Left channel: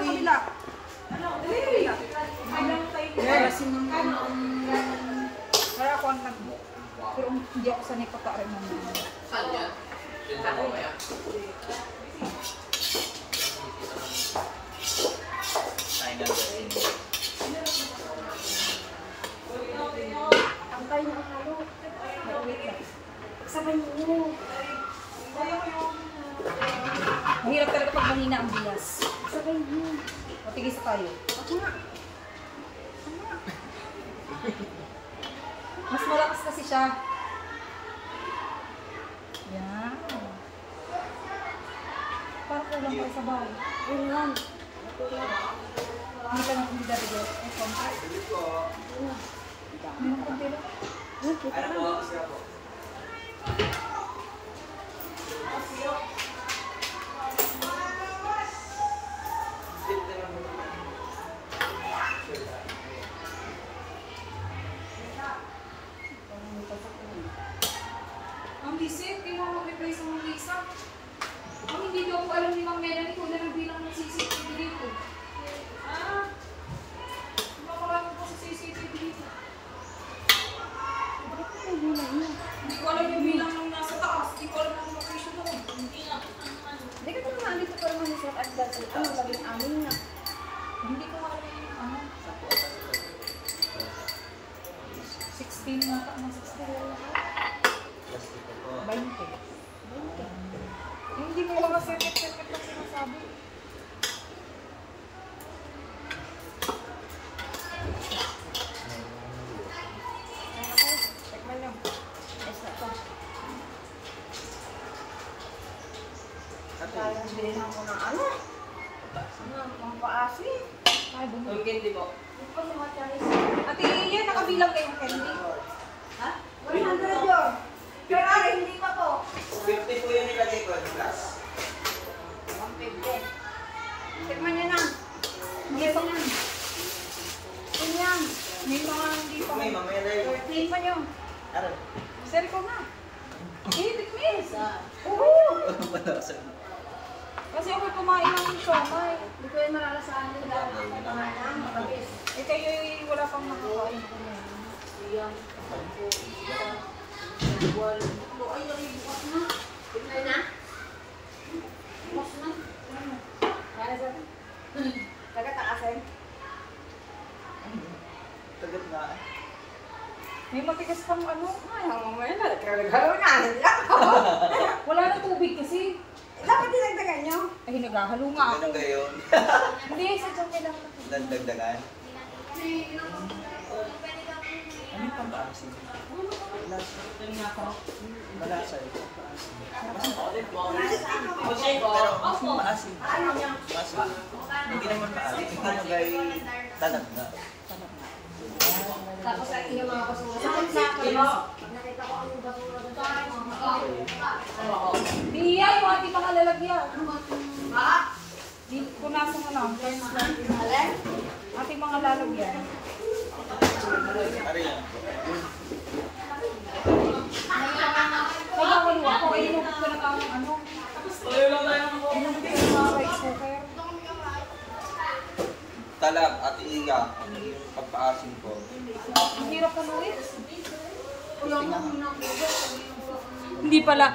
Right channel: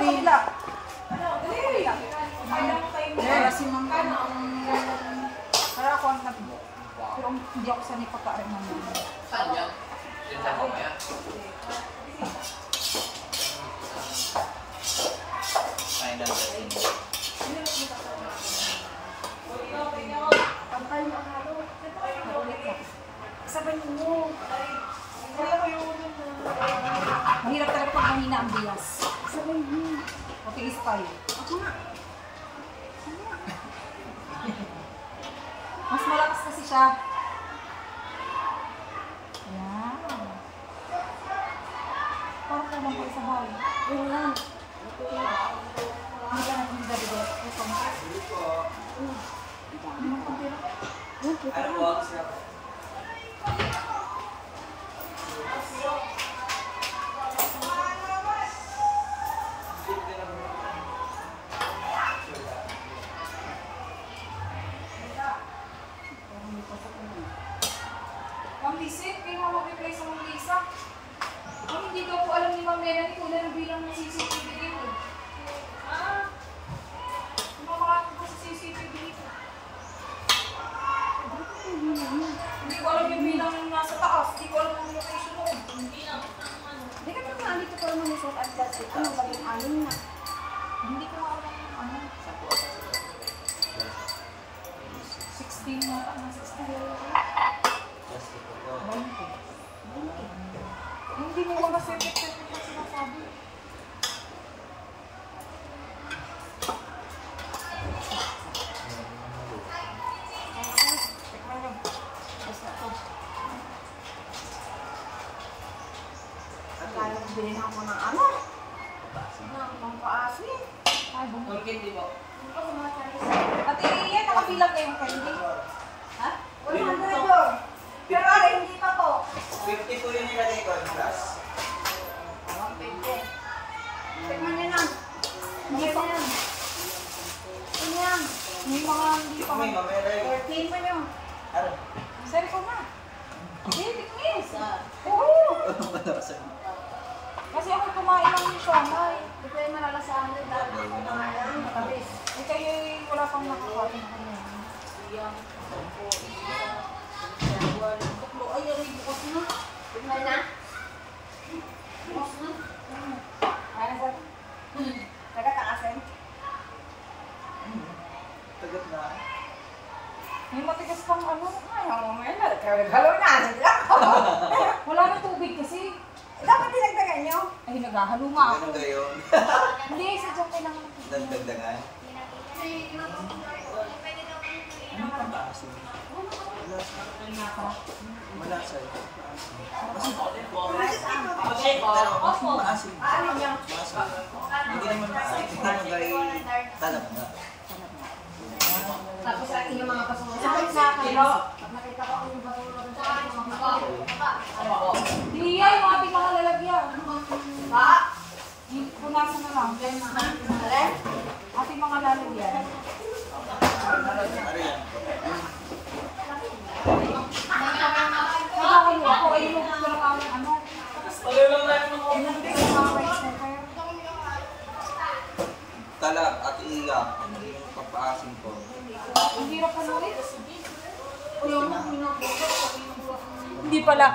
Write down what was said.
kabila. Dali! Kaya si Mang kaya ako ang nag... Pero hindi ako sanay pagkain naman. Saan yan? Sinta ko kaya? Ay, nandun. Ang kayo na halo. Sabay mo. Mahirap talaga pag mahina ang bigas. Sabay mo. Matigis kayo. Ako nga. Mas malakas kasi siya. Yan. Parang kulang ko isa bahay. Yun lang. Hindi ka na kung dito. Ay, konti. Hindi mo konti lang. Yan, kita Ano lang. po? Siya po. Ang lisip, kaya mo mag-replace ang Lisa. Ang hindi daw po alam ni Ma'am Melanie kung na bilang ng CCTV dito. Ah? Kumakarami po sa CCTV dito. Hindi ko alam yung bilang ng nasa taas. Hindi ko alam yung location doon. Hindi ka naman nandito pa naman sa advance. Ano, labing anim na. Hindi ko alam yung ano. 16 yata na 16. 20. Hindi mo mga circuit-circuit na sinasabi. Check mo lang. Basta ito. Kaya bilhin ako ng ano? Ang paasi. Ay, bumili. Ang candy mo? Ate, yan nakabilang kayong candy. Ha? 100 yun. Pero ano, hindi pa po. 50 po yung nilagay ko. Plus. 150. Tikman nyo na. Hindi pa yan. Ano yan? May mga hindi pa. May mamaya lang. 13 pa yun. Ano? Send ko na. Eh, tikmis. Oo. Kasi ako'y kumain ng siomay. Hindi ko yung nalalasaan nila. Pangalan, makabis. Eh, kayo wala pang nakakain ko na. Siyang, sampo, isa, dalawa, tatlo. Ay, yari, bukas na. Tingnan na. Bukas na. Ano sa ito? Taga-takasin. Tagot na. May matigas pang ano. Ay, mamaya na. Nagkagalo na. Wala na tubig kasi. Dapat dinagdagan nyo. Ay, naghahalo nga ako. Ganun kayo. Hindi, sa dyan kailangan ng tubig. Nagdagdagan. Ano yung pampaasin? Malasa. Maasin. Ano niya? Maasin. Hindi naman maasin. Ano ba yung tanap nga? Tapos yung mga basura. Sakit na kayo. Nakita ko ang basura doon sa mga. Hindi yan, yung ating mga lalagyan. Ha? Punasan na lang. Alin? Ating mga lalagyan. Ari yan. Nakakalo ako. Ay, yung gusto lang ako ng ano. Yung gusto lang ako rice cooker. Tala, Ate Iya, ano yung pagpaasin ko? Ang hirap pa Luis. Hindi pala.